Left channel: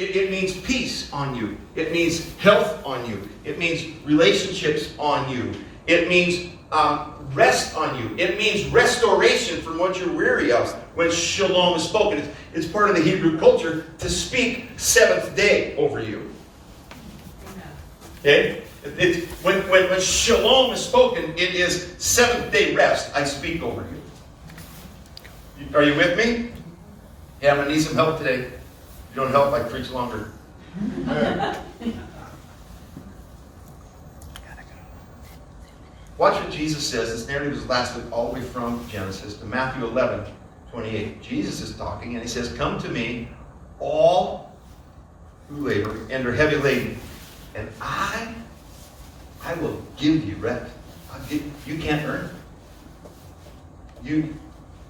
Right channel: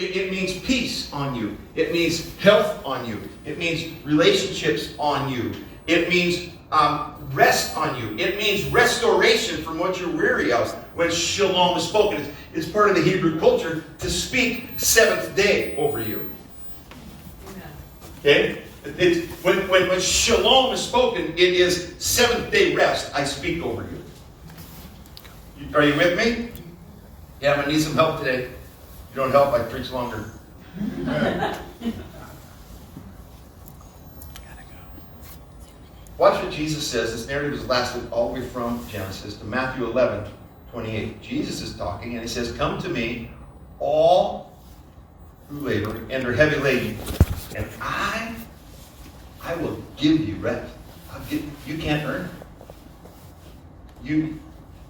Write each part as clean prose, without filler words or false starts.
It means peace on you. It means health on you. It means relationships on you. It means rest on you. It means restoration from what you're weary of. When shalom is spoken, it's part of the Hebrew culture to speak seventh day over you. Okay? When shalom is spoken, it is seventh day rest. I speak over you. Are you with me? Yeah, I'm going to need some help today. If you don't help, I preach longer. Watch what Jesus says. This narrative is lasted all the way from Genesis to Matthew 11:28. Jesus is talking and he says, "Come to me, all who labor and are heavy laden, and I will give you rest." You can't earn it.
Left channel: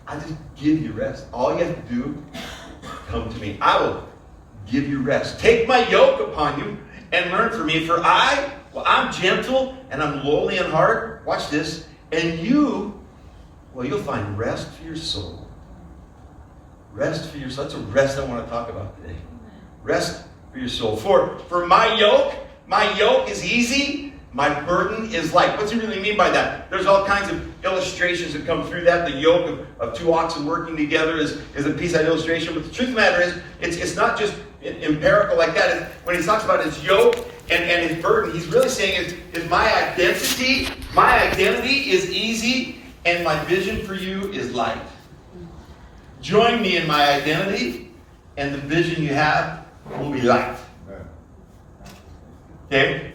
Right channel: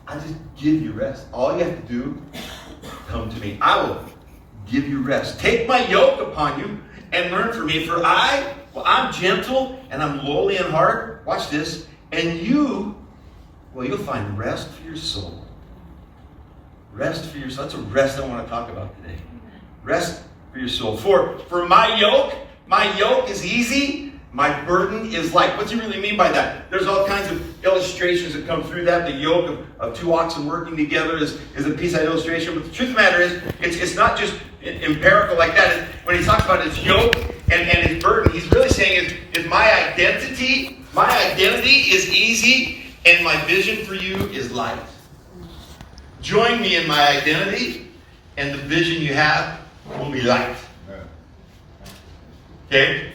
I just give you rest. All you have to do, come to me. I will give you rest. Take my yoke upon you and learn from me, for I'm gentle and I'm lowly in heart. Watch this. And you'll find rest for your soul. Rest for your soul. That's a rest I want to talk about today. Rest for your soul. For my yoke is easy. My burden is light. What's he really mean by that? There's all kinds of illustrations that come through that. The yoke of two oxen working together is a piece of illustration. But the truth of the matter is, it's not just empirical like that. When he talks about his yoke and his burden, he's really saying is my identity is easy and my vision for you is light. Join me in my identity and the vision you have will be light. Okay?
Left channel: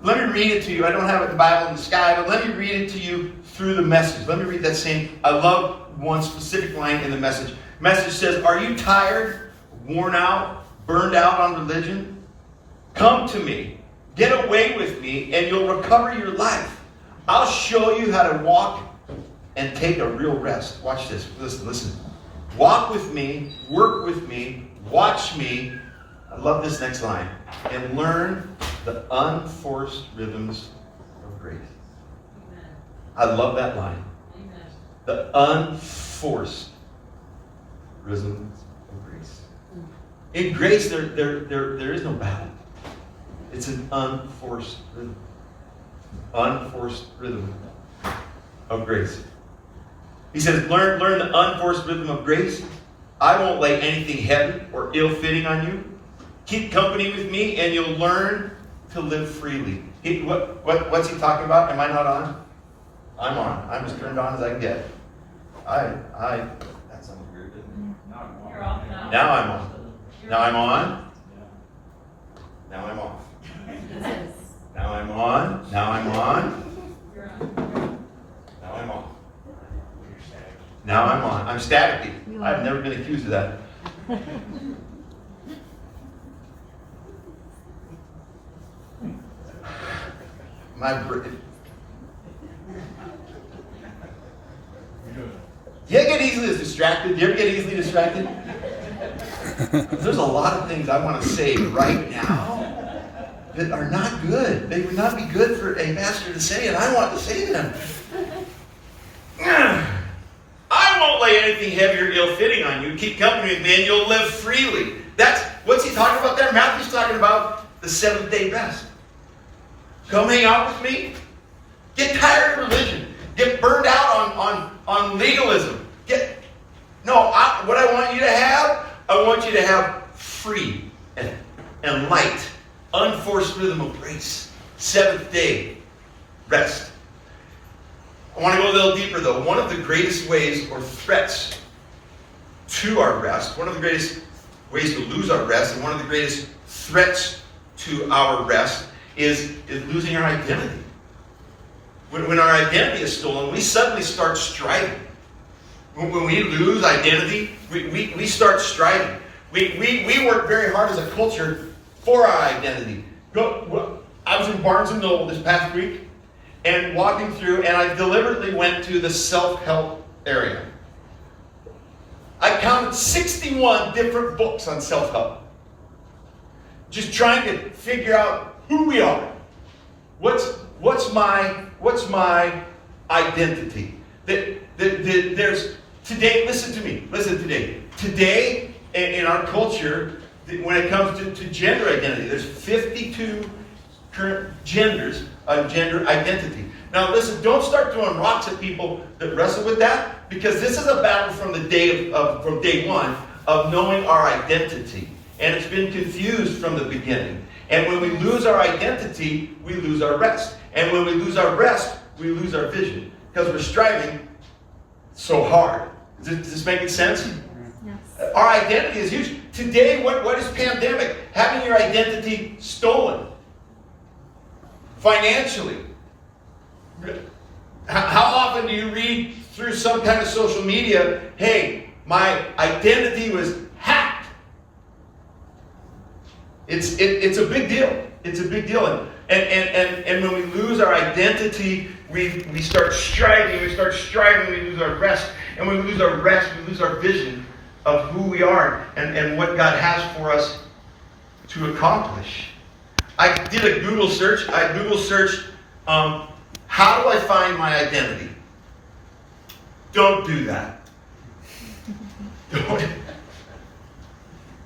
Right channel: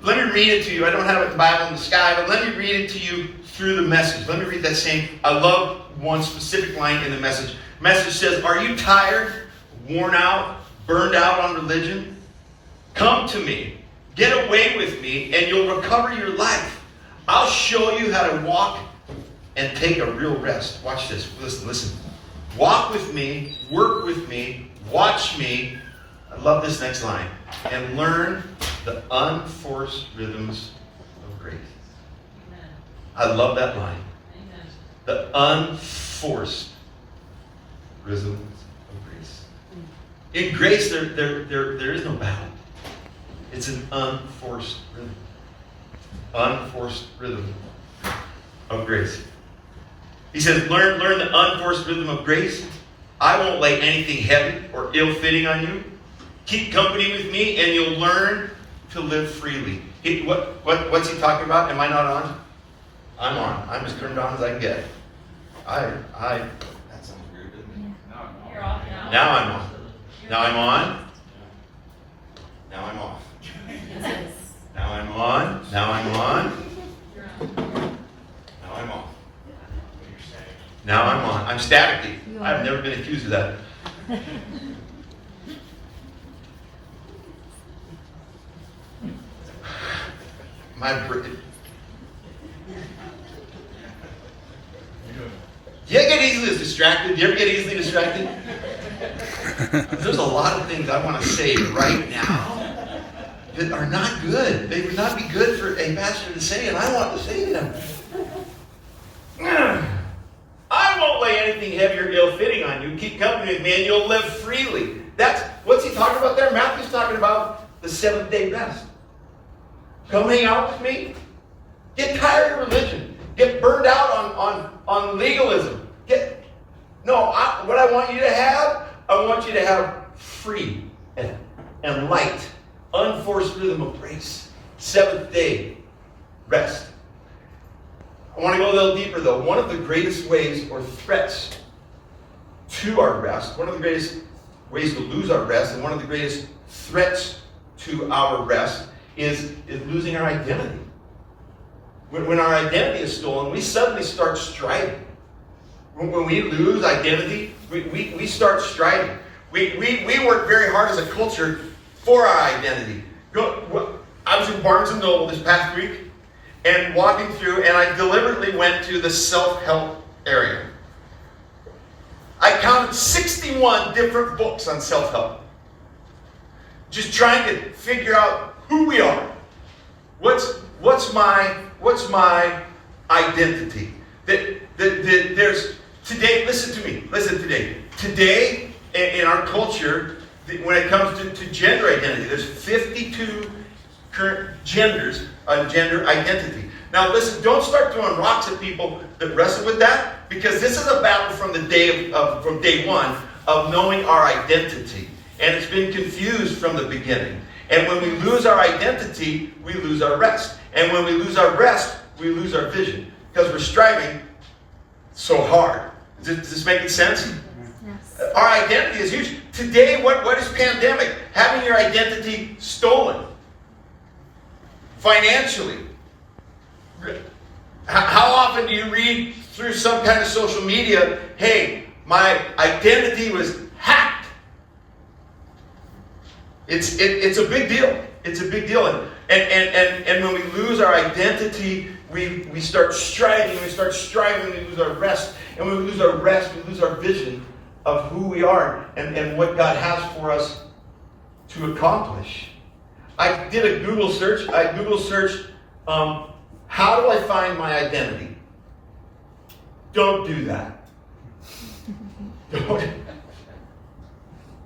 Let me read it to you. I don't have it in the Bible in the sky, but let me read it to you through the message. Let me read that same. I love one specific line in the message. Message says, "Are you tired, worn out, burned out on religion? Come to me. Get away with me, and you'll recover your life. I'll show you how to walk and take a real rest." Watch this. Listen. Walk with me, work with me, watch me. I love this next line. And learn the unforced rhythms of grace. Amen. I love that line. Amen. The unforced rhythms of grace. In grace, there is no battle. It's an unforced rhythm. Unforced rhythm of grace. He says, learn the unforced rhythm of grace. I won't lay anything heavy or ill-fitting on you. Keep company with me and you'll learn to live freely. What's he talking about? Am I not on? I'm on. I'm as turned on as I can get. That sounds weird, didn't it? You're off now. Now I'm on. Now I'm on. Now I'm off. Now I'm on. Now I'm on. Now I'm off. Now I'm on. I'm staticky. I've never been accused of that. Do you get easily distracted? Do you ever get easily distracted? There's a lot of things I want to say right now that are not good. They would not be good for a pastor to say, and I want to say them. I won't lay anything heavy or ill-fitting on you. Keep company with me and you'll live freely. What's he talking about there? Matthew's talking about the seventh day rest. Come hang out with me. Get tired of religion. Get burned out on legalism. What I want you to have, I want you to have free and light, unforced rhythm of grace. Seventh day rest. I want to go a little deeper though. One of the greatest ways or threats to our rest, one of the greatest ways to lose our rest, and one of the greatest threats to our rest is losing our identity. When our identity is stolen, we suddenly start striving. When we lose identity, we start striving. We work very hard as a culture for our identity. I was in Barnes & Noble this past week and walking through, and I deliberately went to the self-help area. I counted 61 different books on self-help. Just trying to figure out who we are. What's my identity? There's today. Listen to me. Today in our culture, when it comes to gender identity. There's 52 current genders of gender identity. Now listen, don't start throwing rocks at people that wrestle with that, because this is a battle from the from day one of knowing our identity. And it's been confused from the beginning. And when we lose our identity, we lose our rest. And when we lose our rest, we lose our vision, because we're striving so hard. Does this make sense? Yes. Our identity is huge. Today, what is pandemic? Having your identity stolen. Financially. How often do you read through some kind of social media, hey, my identity was hacked? It's a big deal. It's a big deal. And when we lose our identity, we start striving, we lose our rest. And when we lose our rest, we lose our vision of who we are and what God has for us to accomplish. I did a Google search. How do I find my identity? Don't do that. Don't.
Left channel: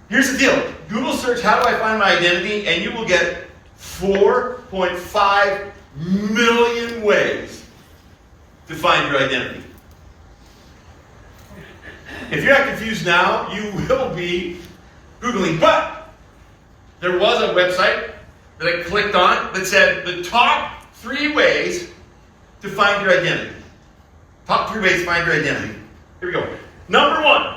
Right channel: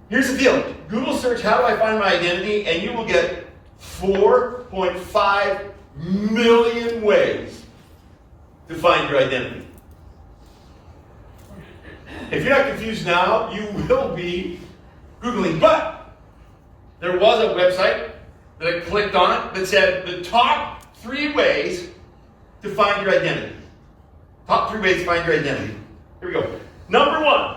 Here's the deal. Google search, how do I find my identity? And you will get 4.5 million ways to find your identity. If you're not confused now, you will be Googling. But there was a website that I clicked on that said the top 3 ways to find your identity. Top 3 ways to find your identity. Here we go. Number 1,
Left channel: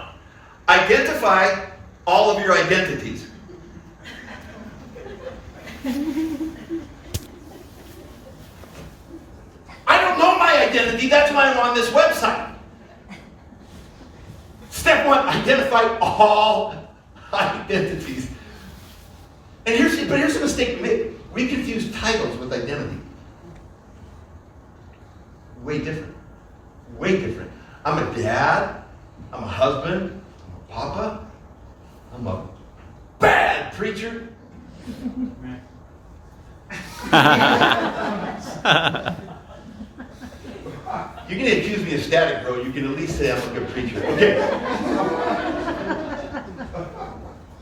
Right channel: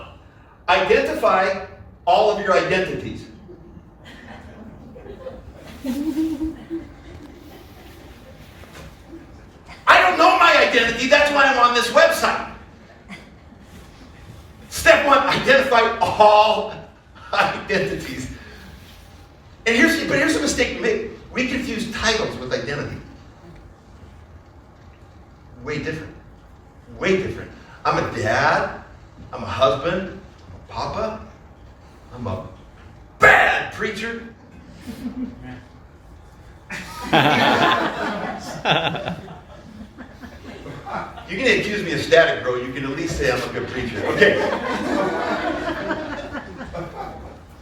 identify all of your identities. I don't know my identity, that's why I'm on this website. Step 1, identify all identities. And here's a mistake we make. We confuse titles with identity. Way different. Way different. I'm a dad. I'm a husband. I'm a papa. I'm a bad preacher. You can accuse me of static, bro. You can at least say I'm a good preacher. Okay.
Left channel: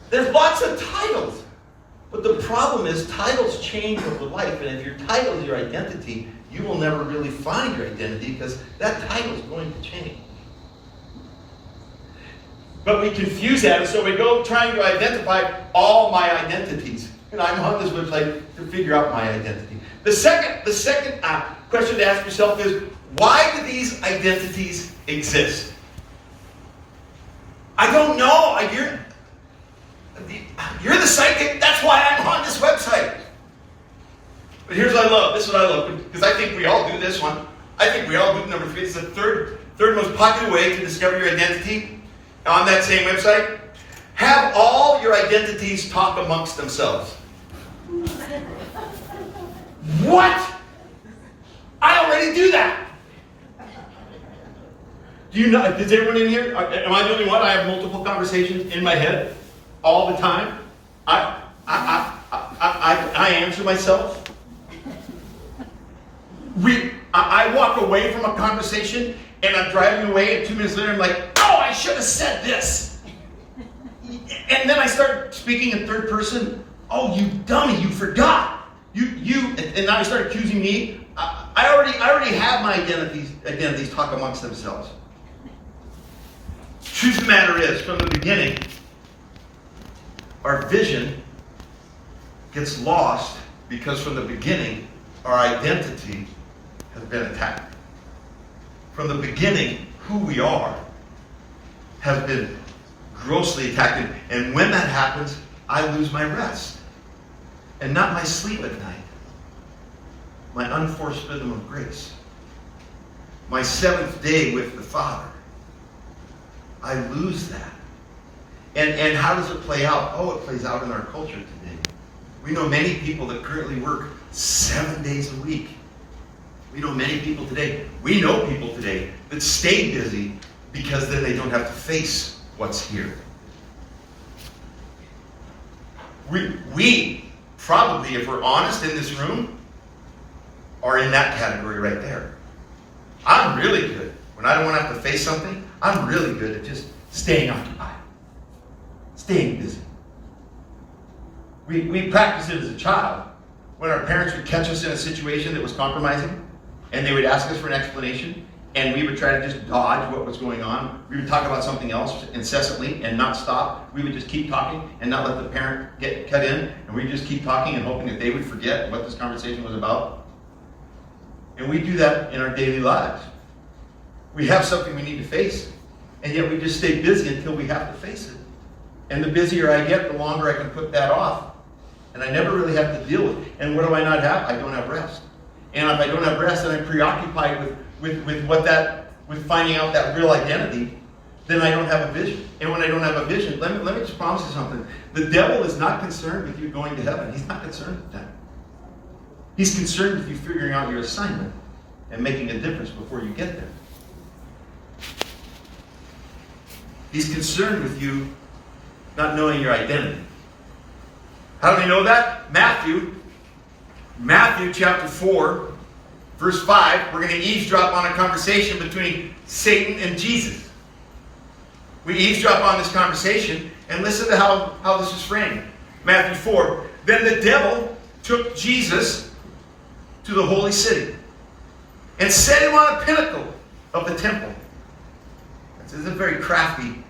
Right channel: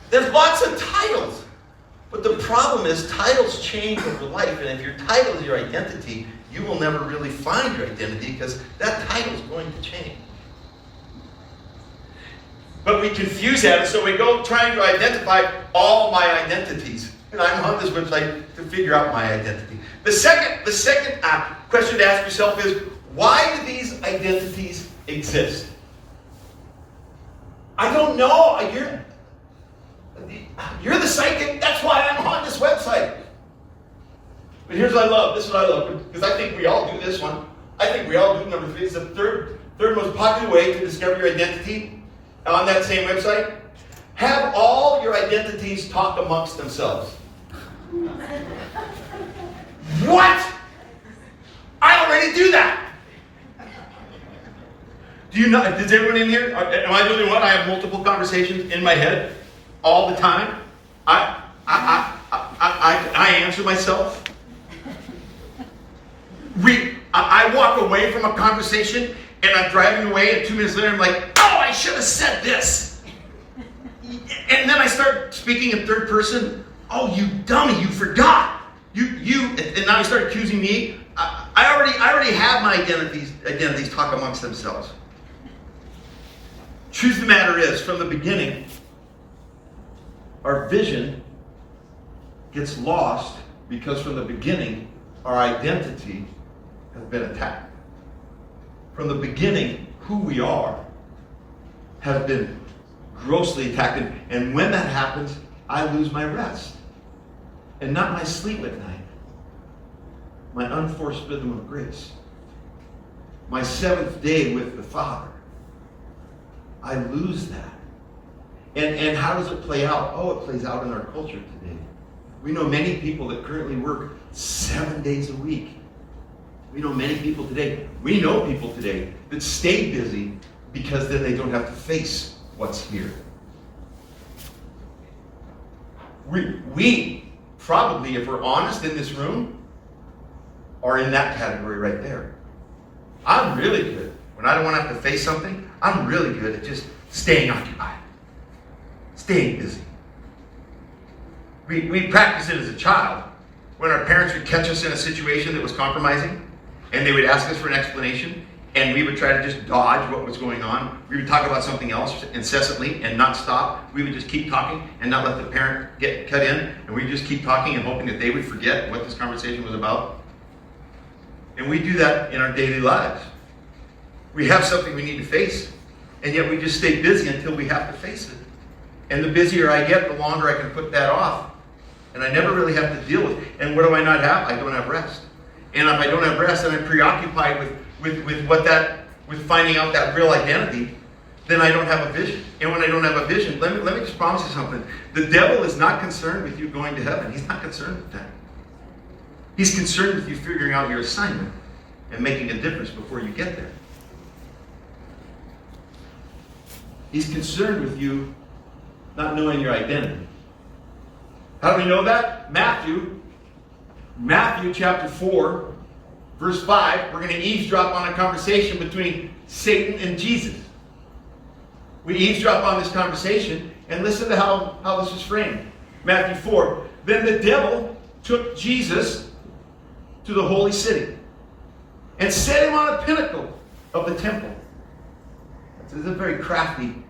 There's lots of titles. But the problem is titles change over life. And if your title is your identity, you will never really find your identity, because that title is going to change. But we confuse that, and so we go trying to identify all my identities. And I'm on this website to figure out my identity. The second question to ask yourself is, why do these identities exist? I don't know. You're the psychic. That's why I'm on this website. But here's what I love. This is what I love, because I think we all do this one. I think we all do number 3. It's the third most popular way to discover your identity on that same website. Have all your identities talk amongst themselves. What? I already do that. Do you know? Is everyone in here? Am I the only one? I have multiple conversations in my head all the time. I answer myself. I walk away from a conversation and I'm driving away, and 2 minutes later I'm like, oh, I should have said this. And then I start speaking in third person. Oh, you dummy, you forgot. And now you start accusing me. I already have my identities talk amongst themselves. Truth of the matter is, from the beginning, our vision gets lost because from the beginning, our identity has been attacked. From the beginning, who we are has been grossly attacked. And when that happens, I lose my rest. And not my sleep at night. My unforced rhythm of grace. My 7th day with the Father. I lose that. And how does it play out? Oh, it plays out in our culture today. We know many people that currently work 7 days a week. We know people today that stay busy because then they don't have to face what's here. We probably, if we're honest in this room, are in that category right there. I'm really good. When I don't want to have to face something, I'm really good at just staying occupied. Staying busy. We practiced it as a child when our parents would catch us in a situation that was compromising, and they would ask us for an explanation, and we would try to just dodge what was going on. We would talk about something else incessantly and not stop. We would just keep talking and not let the parent get cut in, and we'd just keep talking and hoping that they would forget what this conversation was about. And we do that in our daily lives. We have something we need to face, and yet we just stay busy until we have to face it. And the busier I get, the longer I can put that off. And I never really have to deal with it. And what do I not have? I don't have rest. And if I don't have rest and I'm preoccupied with finding out that real identity, then I don't have a vision. And when I don't have a vision, let me just promise you something. The devil is not concerned with you going to heaven. He's not concerned with that. He's concerned with you figuring out your assignment and making a difference before you get there. He's concerned with you not knowing your identity. How do we know that? Matthew chapter 4, verse 5. We're going to eavesdrop on a conversation between Satan and Jesus. We eavesdrop on this conversation and listen to how this is framed. Matthew 4. Then the devil took Jesus to the holy city and set him on a pinnacle of the temple. This is a very crafty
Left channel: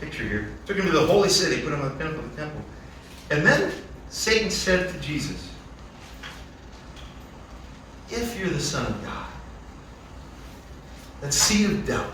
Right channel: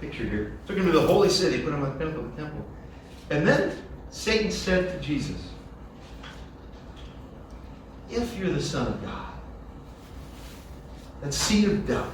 picture here. Took him to the holy city, put him on the pinnacle of the temple. And then Satan said to Jesus, if you're the Son of God, that seed of doubt.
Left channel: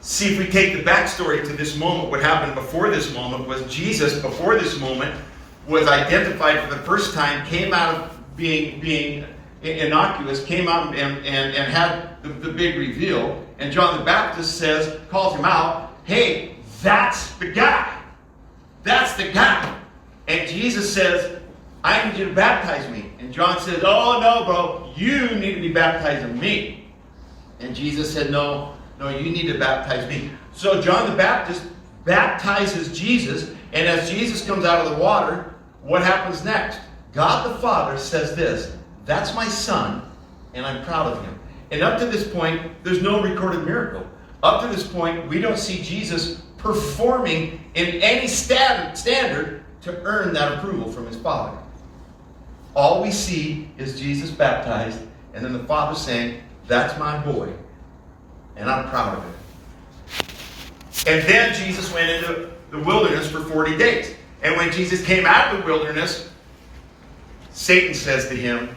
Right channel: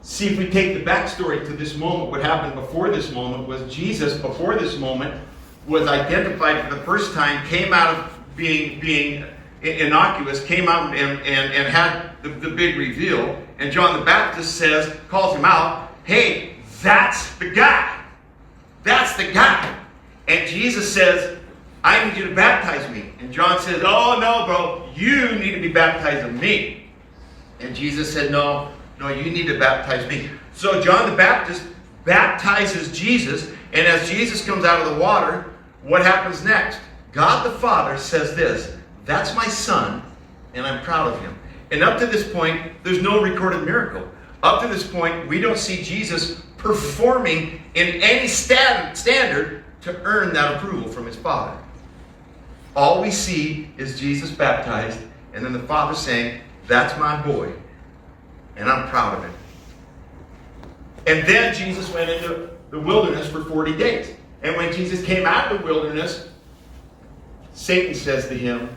See, if we take the backstory to this moment, what happened before this moment was Jesus, before this moment, was identified for the first time, came out of being innocuous, came out and had the big reveal. And John the Baptist calls him out, hey, that's the guy. That's the guy. And Jesus says, I need you to baptize me. And John says, oh, no, bro, you need to be baptized of me. And Jesus said, no, you need to baptize me. So John the Baptist baptizes Jesus, and as Jesus comes out of the water, what happens next? God the Father says this, that's my son, and I'm proud of him. And up to this point, there's no recorded miracle. Up to this point, we don't see Jesus performing in any standard to earn that approval from his Father. All we see is Jesus baptized, and then the Father saying, that's my boy, and I'm proud of him. And then Jesus went into the wilderness for 40 days. And when Jesus came out of the wilderness, Satan says to him,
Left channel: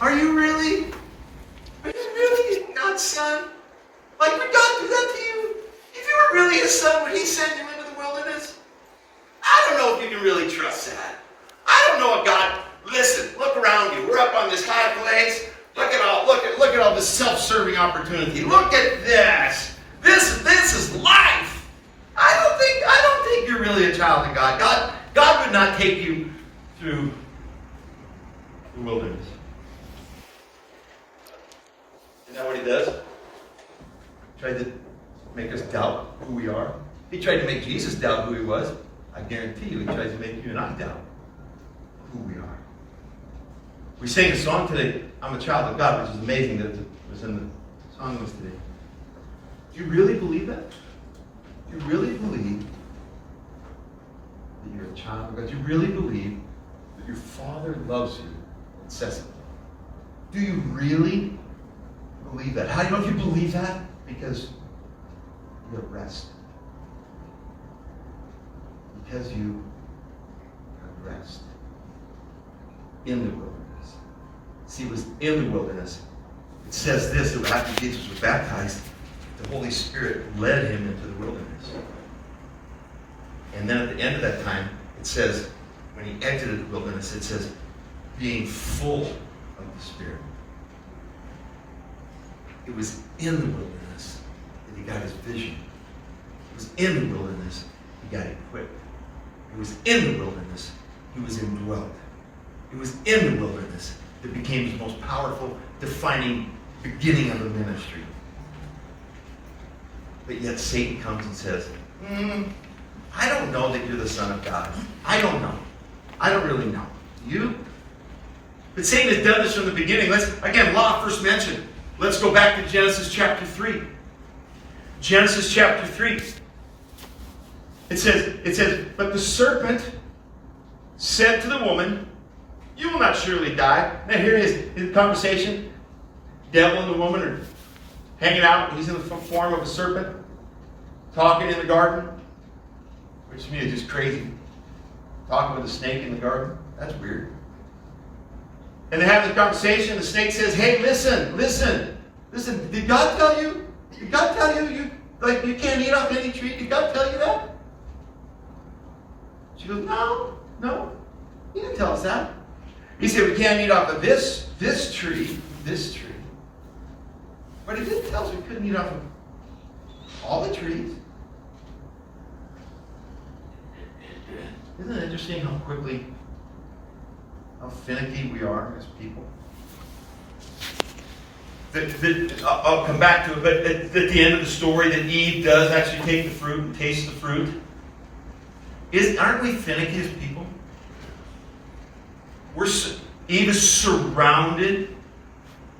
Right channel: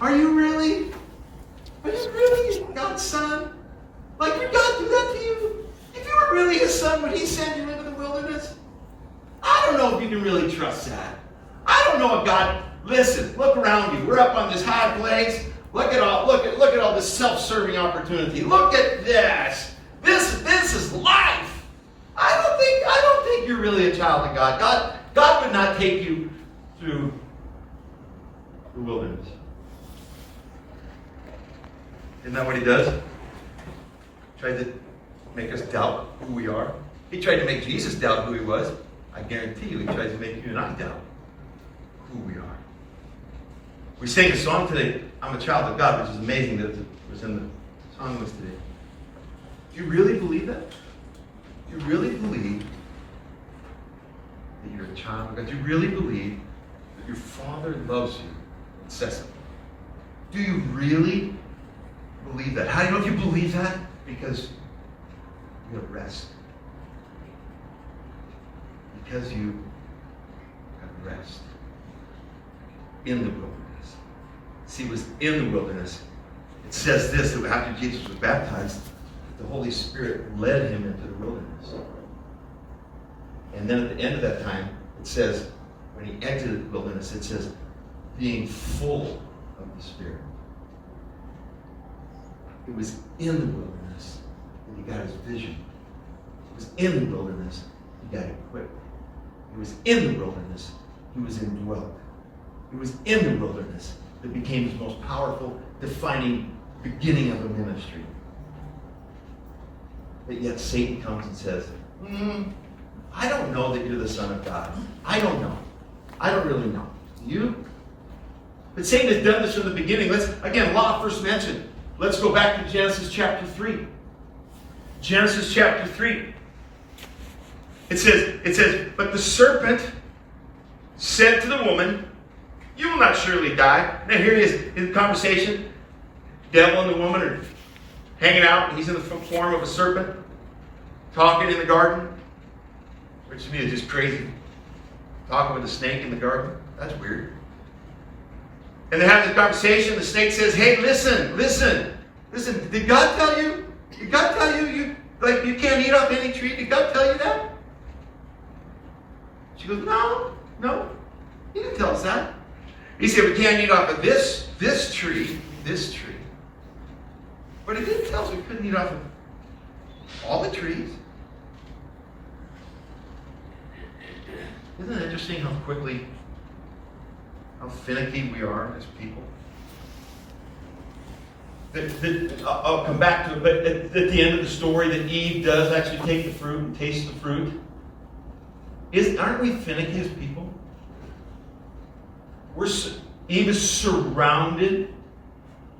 Are you really God's son? Like, would God do that to you? If you were really his son, would he send you into the wilderness? I don't know if you can really trust that. I don't know if God, listen, look around you. We're up on this high place. Look at all this self-serving opportunity. Look at this. This is life. I don't think you're really a child of God. God would not take you through the wilderness. Isn't that what he does? Tried to make us doubt who we are. He tried to make Jesus doubt who he was. I guarantee you, he tries to make you and I doubt who we are. We sang a song today, I'm a child of God, which is amazing that it was in the song list today. Do you really believe that? Do you really believe that you're a child of God? Do you really believe that your Father loves you incessantly? Do you really believe that? How do you know if you believe that? Because you have rest. Because you have rest in the wilderness. See, it was in the wilderness. It says this, that after Jesus was baptized, the Holy Spirit led him into the wilderness. And then at the end of that time, it says, when he exited the wilderness, it says, being full of the Spirit. It was in the wilderness that he got his vision. It was in the wilderness he got equipped. It was in the wilderness he was indwelt. It was in the wilderness that became his most powerful, defining beginning of the ministry. But yet Satan comes and says, I don't know that you're the Son of God. I don't know. I don't really know. You? But Satan has done this from the beginning. Law first mentioned. Let's go back to Genesis chapter 3. Genesis chapter 3. It says, but the serpent said to the woman, you will not surely die. Now here it is, in the conversation. Devil and the woman are hanging out. He's in the form of a serpent, talking in the garden. Which to me is just crazy. Talking with a snake in the garden. That's weird. And they have this conversation. The snake says, hey, listen. Did God tell you? Did God tell you you can't eat off any tree? Did God tell you that? She goes, no. He didn't tell us that. He said, we can't eat off of this tree. But he didn't tell us we couldn't eat off of all the trees. Isn't it interesting how finicky we are as people? I'll come back to it, but at the end of the story, that Eve does actually take the fruit and taste the fruit. Aren't we finicky as people? Eve is surrounded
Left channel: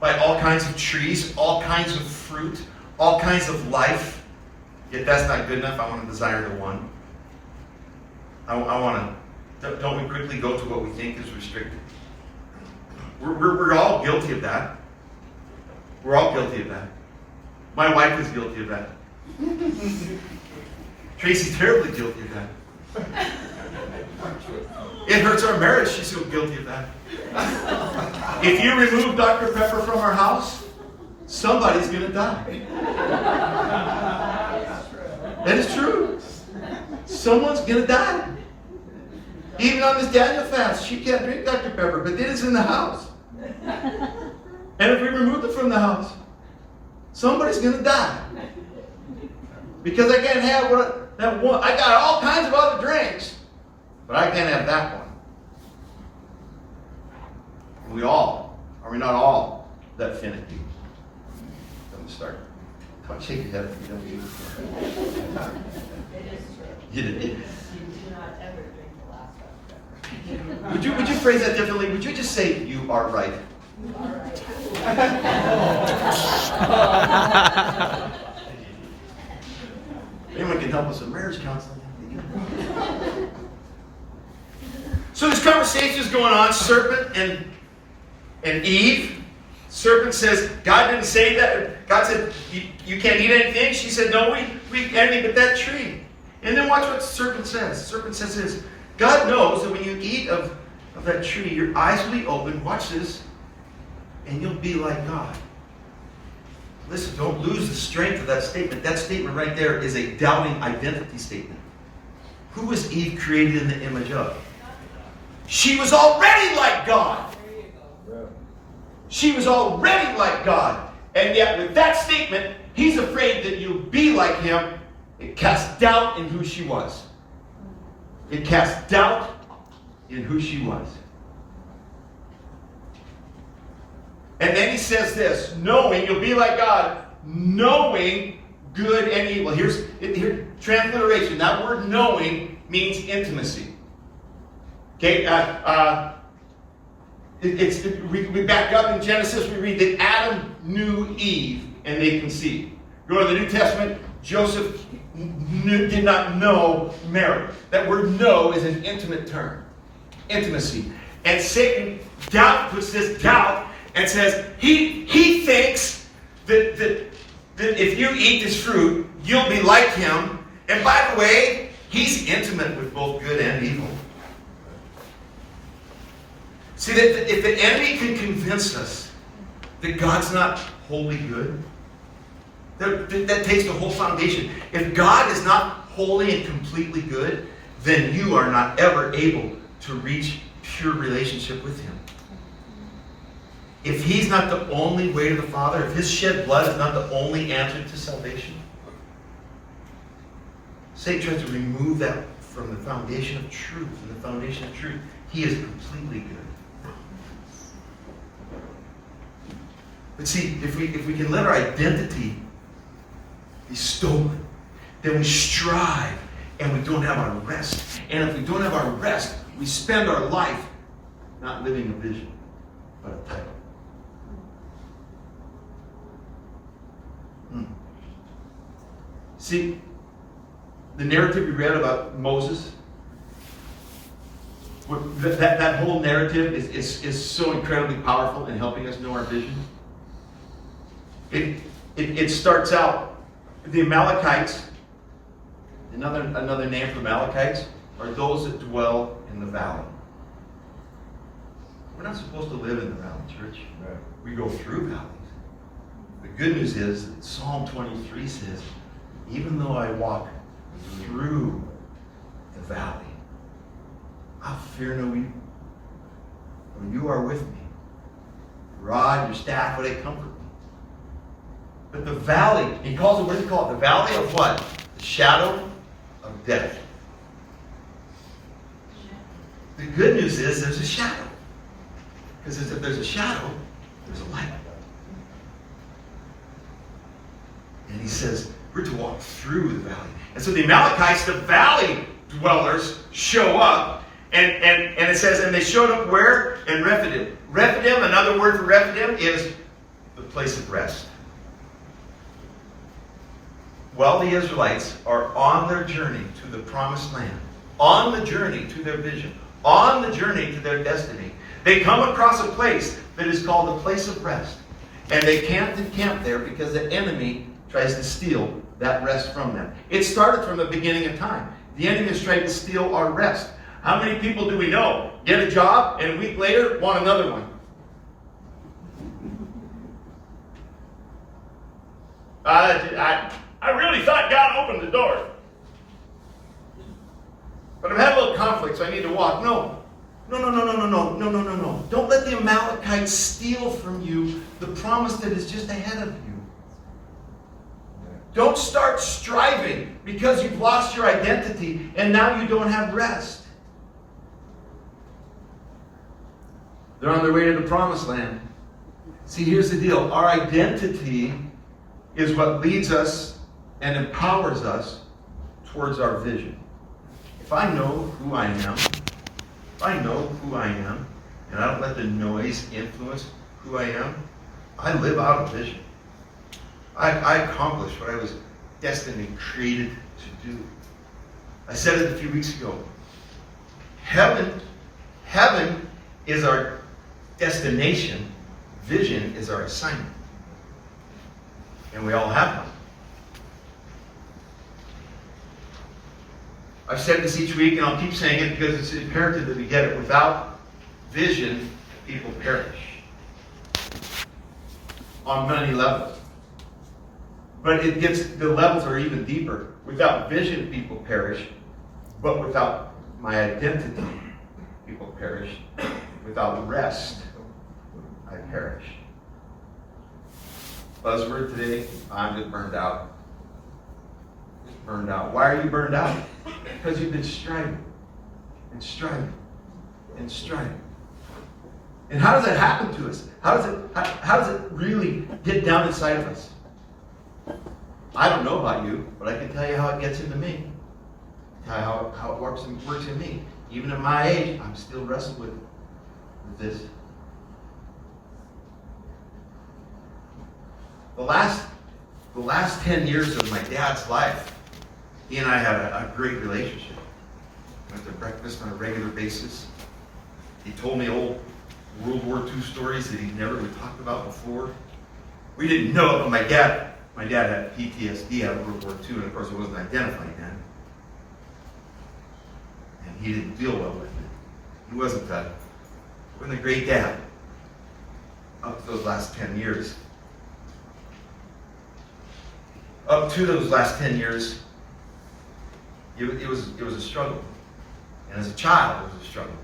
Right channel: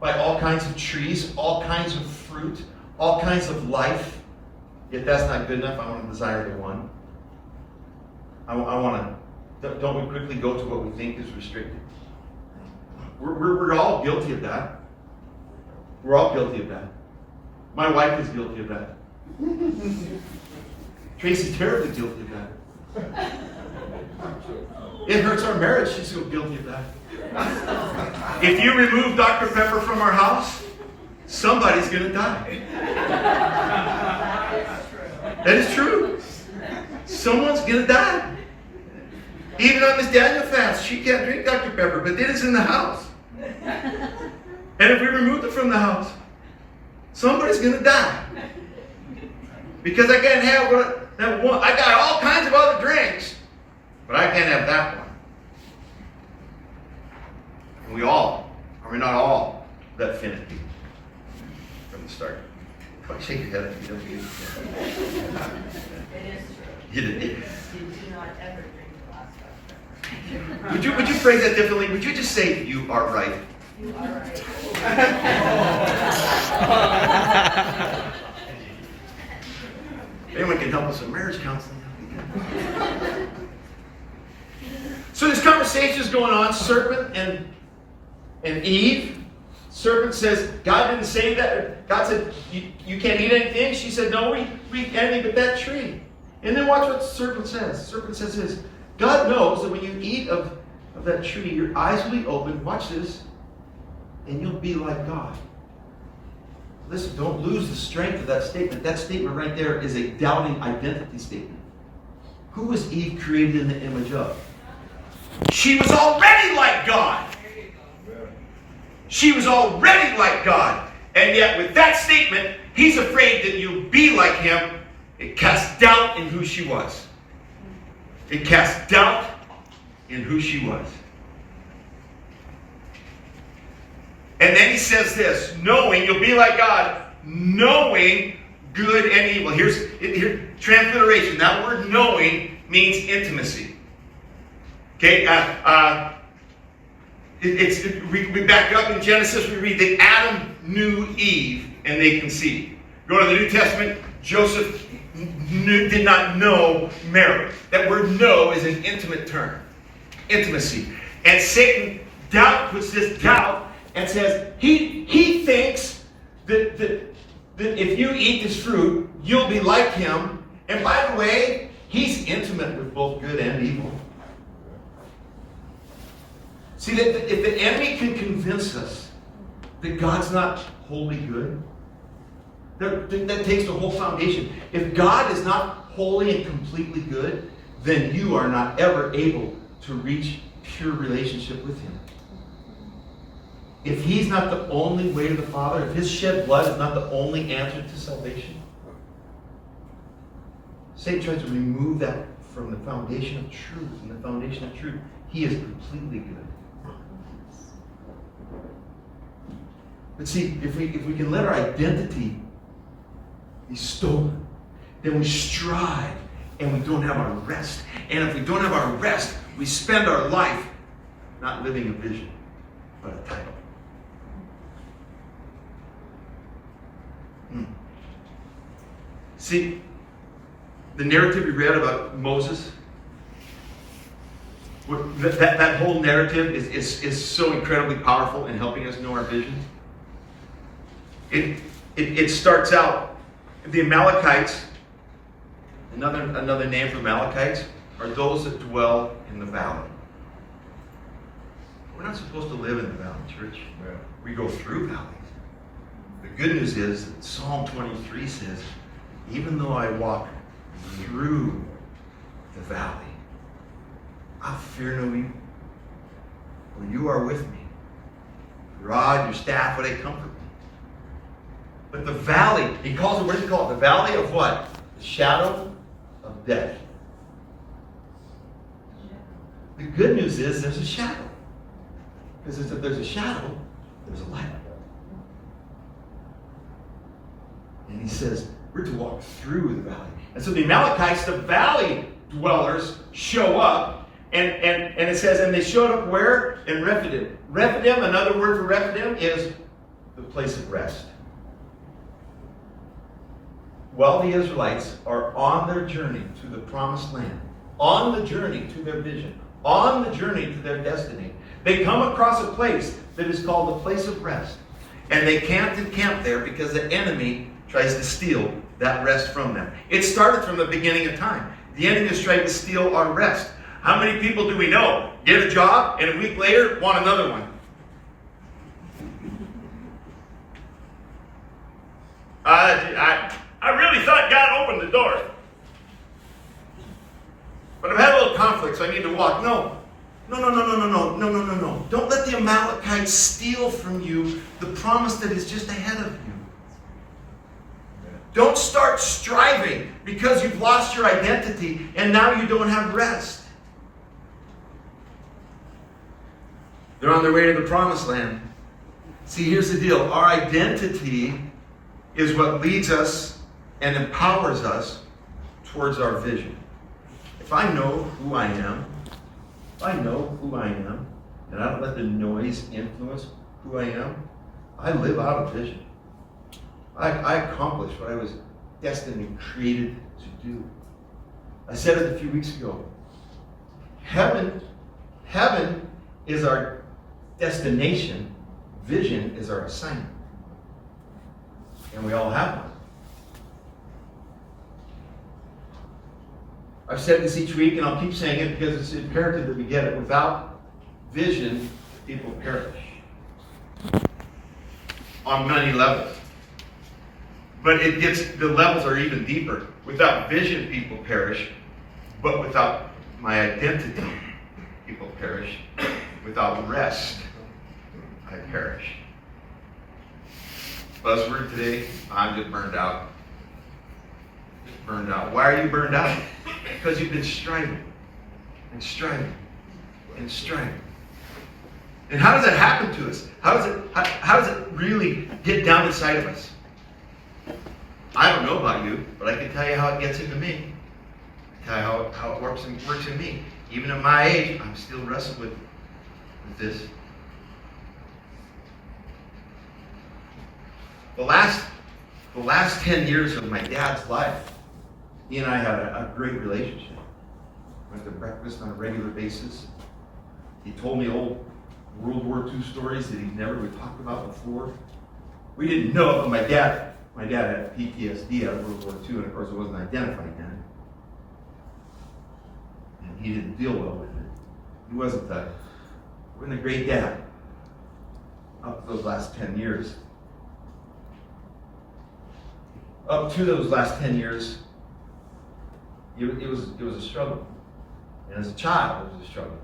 by all kinds of trees, all kinds of fruit, all kinds of life. Yet that's not good enough. I want to desire the one. I want to. Don't we quickly go to what we think is restricted? We're all guilty of that. We're all guilty of that. My wife is guilty of that. Tracy's terribly guilty of that. It hurts our marriage. She's so guilty of that. If you remove Dr. Pepper from our house, somebody's going to die. That is true. Someone's going to die. Even on this Daniel fast, she can't drink Dr. Pepper, but it is in the house. And if we remove it from the house, somebody's going to die. Because I can't have that one. I got all kinds of other drinks, but I can't have that one. And we all, are we not all, that finicky from the start? Shake your head if you don't use it. It is true. You did. You do not ever drink the last Dr. Pepper. Would you phrase that differently? Would you just say, you are right? You are right. Anyone can help us with marriage counseling. So this conversation is going on, serpent and Eve. Serpent says, God didn't say that. God said, you can't eat anything. She said, no, we eat anything but that tree. And then watch what the serpent says. The serpent says this, God knows that when you eat of that tree, your eyes will be opened. Watch this. And you'll be like God. Listen, don't lose the strength of that statement. That statement right there is a doubting identity statement. Who was Eve created in the image of? She was already like God. She was already like God. And yet with that statement, he's afraid that you'll be like him. It casts doubt in who she was. It casts doubt in who she was. And then he says this, knowing, you'll be like God, knowing good and evil. Here's transliteration. That word knowing means intimacy. Okay, we back up in Genesis, we read that Adam knew Eve and they conceived. Go to the New Testament, Joseph did not know Mary. That word know is an intimate term. Intimacy. And Satan puts this doubt and says, he thinks that if you eat this fruit, you'll be like him. And by the way, he's intimate with both good and evil. See, that if the enemy can convince us that God's not wholly good, that takes the whole foundation. If God is not wholly and completely good, then you are not ever able to reach pure relationship with him. If he's not the only way to the Father, if his shed blood is not the only answer to salvation, Satan tries to remove that from the foundation of truth. And the foundation of truth, he is completely good. But see, if we can let our identity be stolen, then we strive and we don't have our rest. And if we don't have our rest, we spend our life not living a vision, but a title. See, the narrative we read about Moses, that whole narrative is so incredibly powerful in helping us know our vision. It starts out, the Amalekites, another name for the Amalekites, are those that dwell in the valley. We're not supposed to live in the valley, church. Right. We go through valleys. The good news is that Psalm 23 says, even though I walk through the valley, I'll fear no evil. For you are with me. Your rod, your staff, they comfort me. But the valley, he calls it, what does he call it? The valley of what? The shadow of death. The good news is there's a shadow. Because if there's a shadow, there's a light. And he says, we're to walk through the valley. And so the Amalekites, the valley dwellers, show up. And it says, and they showed up where? In Rephidim. Rephidim, another word for Rephidim, is the place of rest. While the Israelites are on their journey to the promised land, on the journey to their vision, on the journey to their destiny, they come across a place that is called the place of rest. And they can't encamp there because the enemy tries to steal that rest from them. It started from the beginning of time. The enemy is trying to steal our rest. How many people do we know get a job and a week later want another one? I really thought God opened the door. But I've had a little conflict, so I need to walk. No. Don't let the Amalekites steal from you the promise that is just ahead of you. Don't start striving because you've lost your identity and now you don't have rest. They're on their way to the promised land. See, here's the deal. Our identity is what leads us and empowers us towards our vision. If I know who I am, and I don't let the noise influence who I am, I live out a vision. I accomplish what I was destined and created to do. I said it a few weeks ago. Heaven is our destination. Vision is our assignment. And we all have one. I've said this each week, and I'll keep saying it because it's imperative that we get it. Without vision, people perish. On many levels. But the levels are even deeper. Without vision, people perish. But without my identity, people perish. Without rest, I perish. Buzzword today, I'm just burned out. Just burned out. Why are you burned out? Because you've been striving. And striving. And striving. And how does that happen to us? How does it really get down inside of us? I don't know about you, but I can tell you how it gets into me. I can tell you how it works in me. Even at my age, I'm still wrestling with this. The last 10 years of my dad's life, he and I had a great relationship. We went to breakfast on a regular basis. He told me old World War II stories that he never would talk about before. We didn't know it, but my dad had PTSD out of World War II, and of course it wasn't identified then. And he didn't deal well with it. He wasn't a great dad up to those last 10 years. Up to those last 10 years, it was a struggle. And as a child, it was a struggle.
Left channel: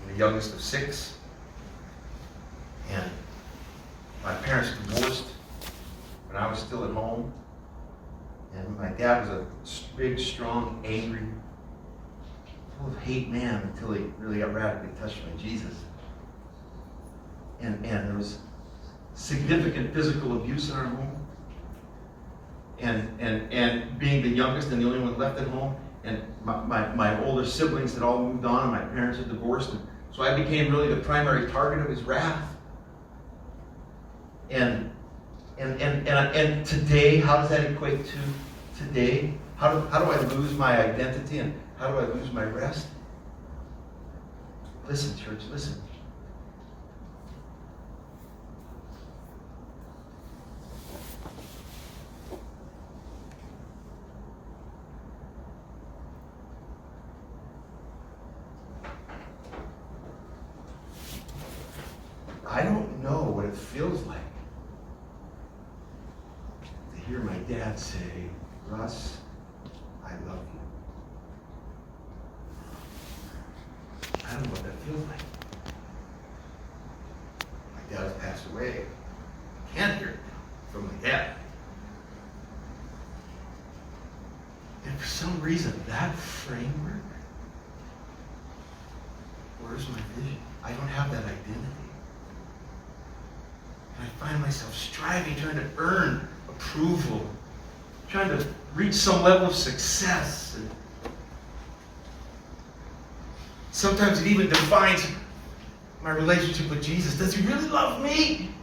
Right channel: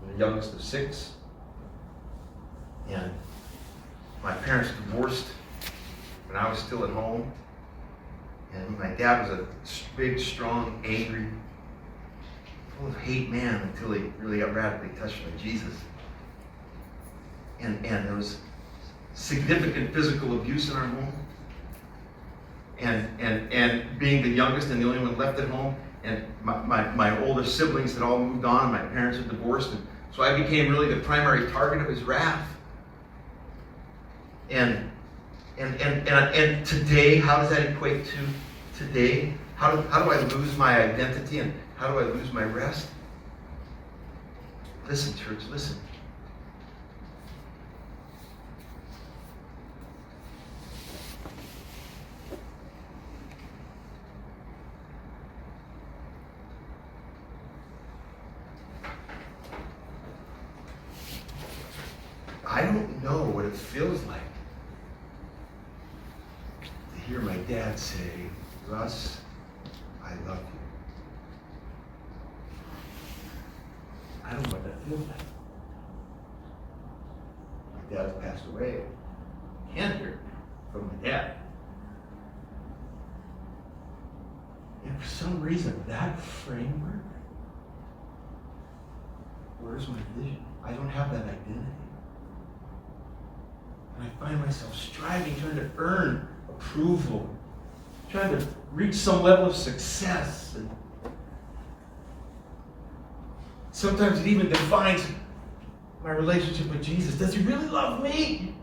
I'm the youngest of 6. And my parents divorced when I was still at home. And my dad was a big, strong, angry, full of hate man until he really got radically touched by Jesus. And there was significant physical abuse in our home. And being the youngest and the only one left at home, and my older siblings had all moved on, and my parents had divorced, and so I became really the primary target of his wrath. And today, how does that equate to today? How do I lose my identity and how do I lose my rest? Listen, church, listen. I don't know what it feels like to hear my dad say, Russ, I love you. I don't know what that feels like. My dad has passed away. I can't hear it from my dad. And for some reason, that framework, where's my vision? I don't have that identity. And I find myself striving, trying to earn approval, trying to reach some level of success. And sometimes it even defines my relationship with Jesus. Does he really love me?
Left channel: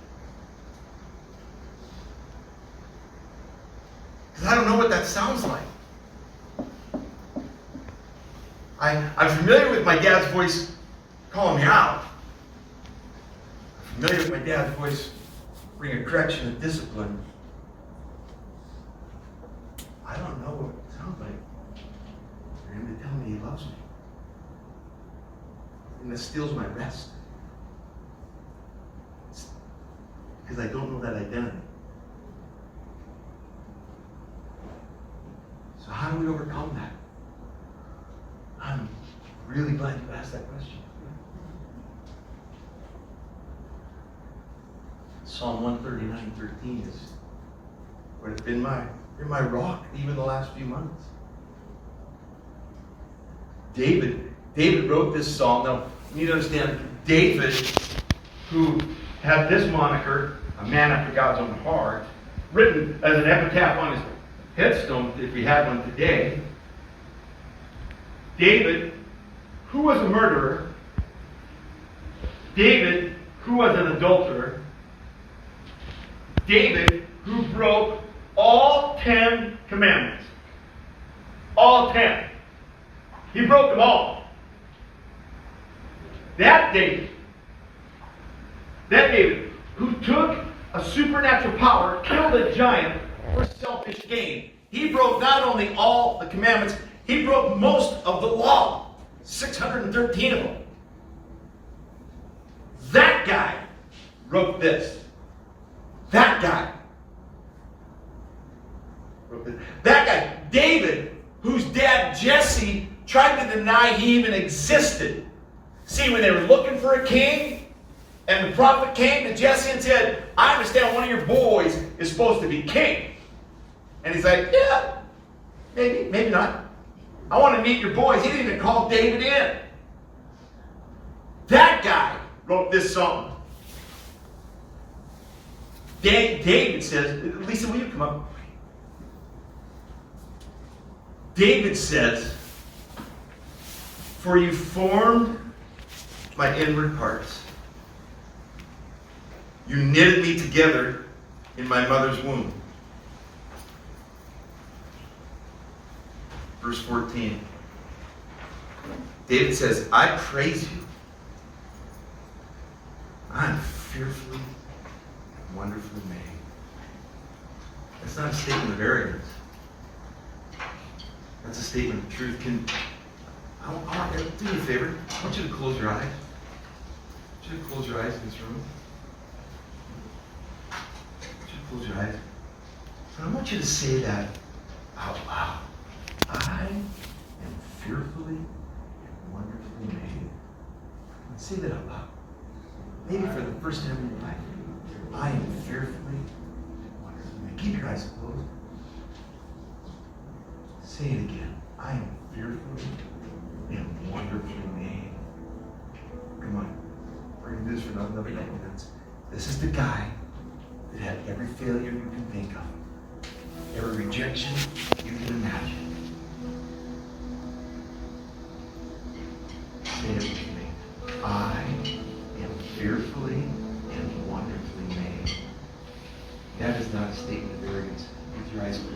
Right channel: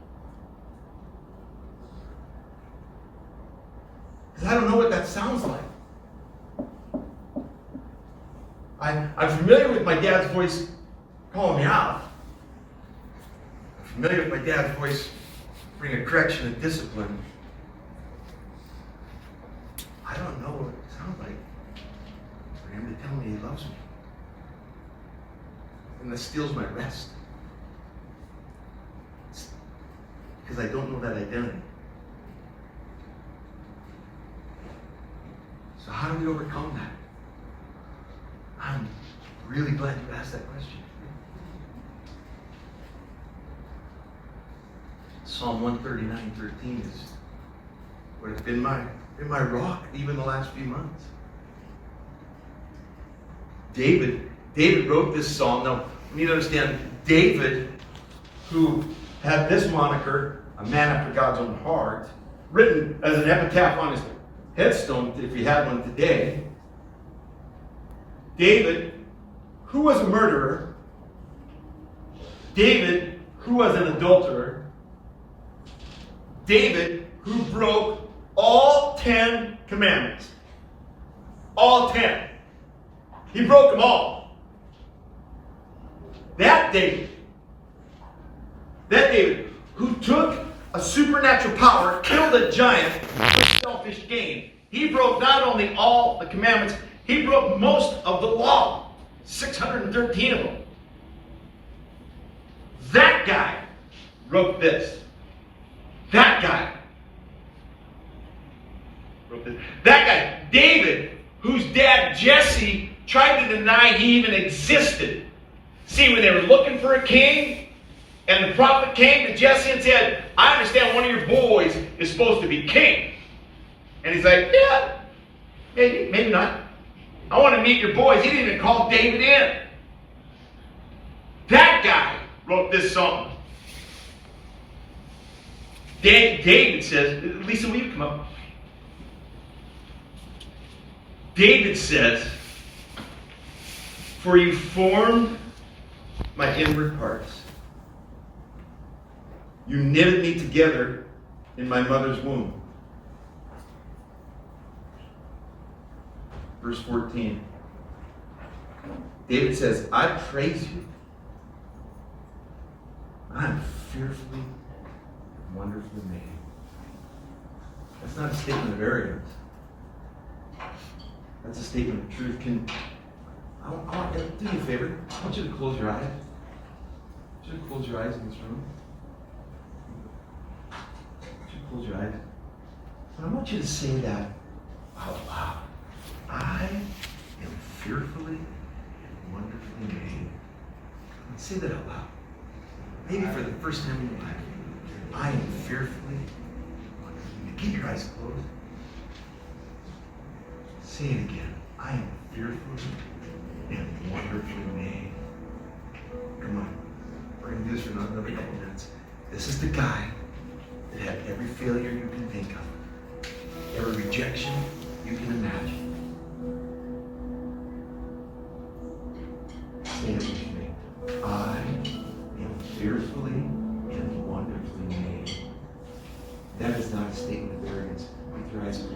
Because I don't know what that sounds like. I'm familiar with my dad's voice calling me out. I'm familiar with my dad's voice bringing correction and discipline. I don't know what it sounds like for him to tell me he loves me. And that steals my rest. It's because I don't know that identity. So how do we overcome that? I'm really glad you asked that question. Psalm 139:13 is what has been my rock even the last few months. David wrote this psalm. Now, you need to understand, David, who had this moniker, a man after God's own heart, written as an epitaph on his headstone, if he had one today. David, who was a murderer. David, who was an adulterer. David, who broke all 10 commandments. All 10. He broke them all. That David, who took a supernatural power, killed a giant for selfish gain. He broke not only all the commandments, he broke most of the law. 613 of them. That guy wrote this. That guy wrote this. That guy, David, whose dad Jesse tried to deny he even existed. See, when they were looking for a king, and the prophet came to Jesse and said, I understand one of your boys is supposed to be king. And he's like, yeah, maybe not. I want to meet your boys. He didn't even call David in. That guy wrote this song. David says, Lisa, will you come up? David says, for you formed my inward parts. You knitted me together in my mother's womb. Verse 14. David says, I praise you. I'm fearfully and wonderfully made. That's not a statement of arrogance. That's a statement of truth. Do me a favor. I want you to close your eyes. I want you to close your eyes in this room. I want you to close your eyes. And I want you to say that out loud. I am fearfully and wonderfully made. And say that out loud. Maybe for the first time in your life. I am fearfully and wonderfully made. Keep your eyes closed. Say it again. I am fearfully and wonderfully made. Come on. We're going to do this for another couple minutes. This is the guy that had every failure you can think of. Every rejection you can imagine. Say it with me. I am fearfully and wonderfully made. That is not a statement of arrogance. With your eyes closed.